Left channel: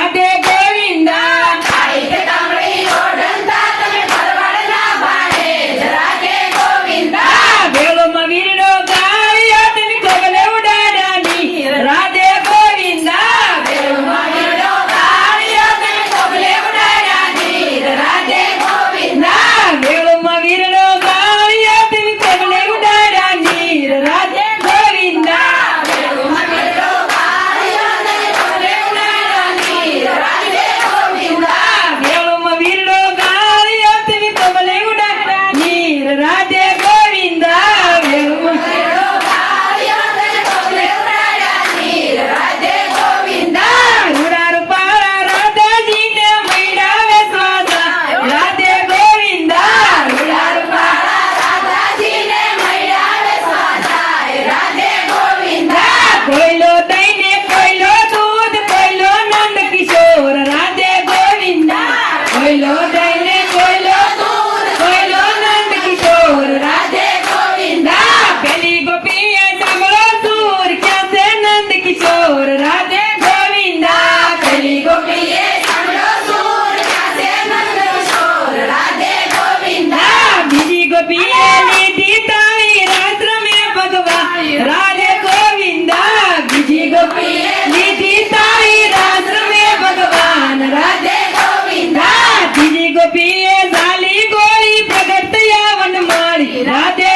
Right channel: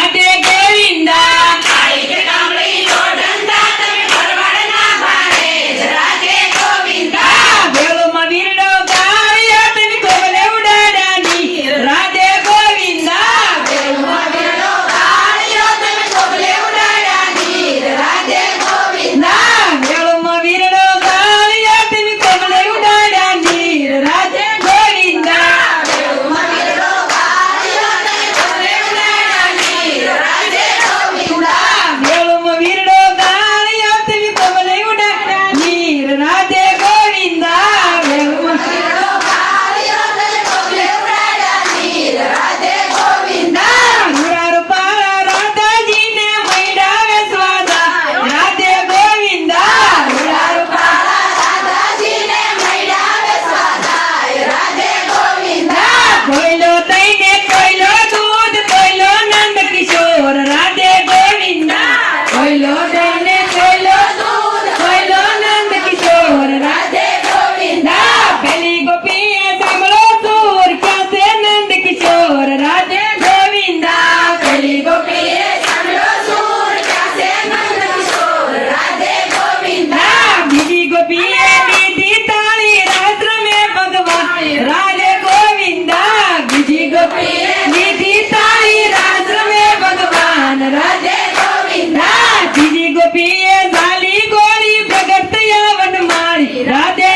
રાધે ગોવિંદા વેળોમાં વીરનો ગાળિયો તને કોબલે ઉડાડ્યાની રાધે ગોવિંદા વેળોમાં વીરનો ગાળિયો તને કોબલે ઉડાડ્યાની રાધે ગોવિંદા વેળોમાં વીરનો ગાળિયો તને કોબલે ઉડાડ્યાની રાધે ગોવિંદા વેળોમાં વીરનો ગાળિયો તને કોબલે ઉડાડ્યાની રાધે ગોવિંદા વેળોમાં વીરનો ગાળિયો તને કોબલે ઉડાડ્યાની રાધે ગોવિંદા વેળોમાં વીરનો ગાળિયો તને કોબલે ઉડાડ્યાની રાધે ગોવિંદા રૂડા રૂપાળા રાધાજીને મૈડાવે સ્વાદા રાધે ગોવિંદા રૂડા રૂપાળા રાધાજીને મૈડાવે સ્વાદા રાધે ગોવિંદા કોયલો દઈને કોયલો દૂધ કોયલો નંદ કિશોર રાધે ગોવિંદા કોયલો દઈને કોયલો દૂધ કોયલો નંદ કિશોર રાધે ગોવિંદા પેલી ગોપીએ સાંભળો સૂર ક્યાં છે નંદ કિશોર રાધે ગોવિંદા પેલી ગોપીએ સાંભળો સૂર ક્યાં છે નંદ કિશોર રાધે ગોવિંદા બીજી ગોપીએ લીધી તાળી રાત્ર મેં ભગવાન રાધે ગોવિંદા બીજી ગોપીએ લીધી તાળી રાત્ર મેં ભગવાન રાધે ગોવિંદા ત્રીજી ગોપીએ ઝાલી ગોળી પ્રગટ થયા વનમાળી રાધે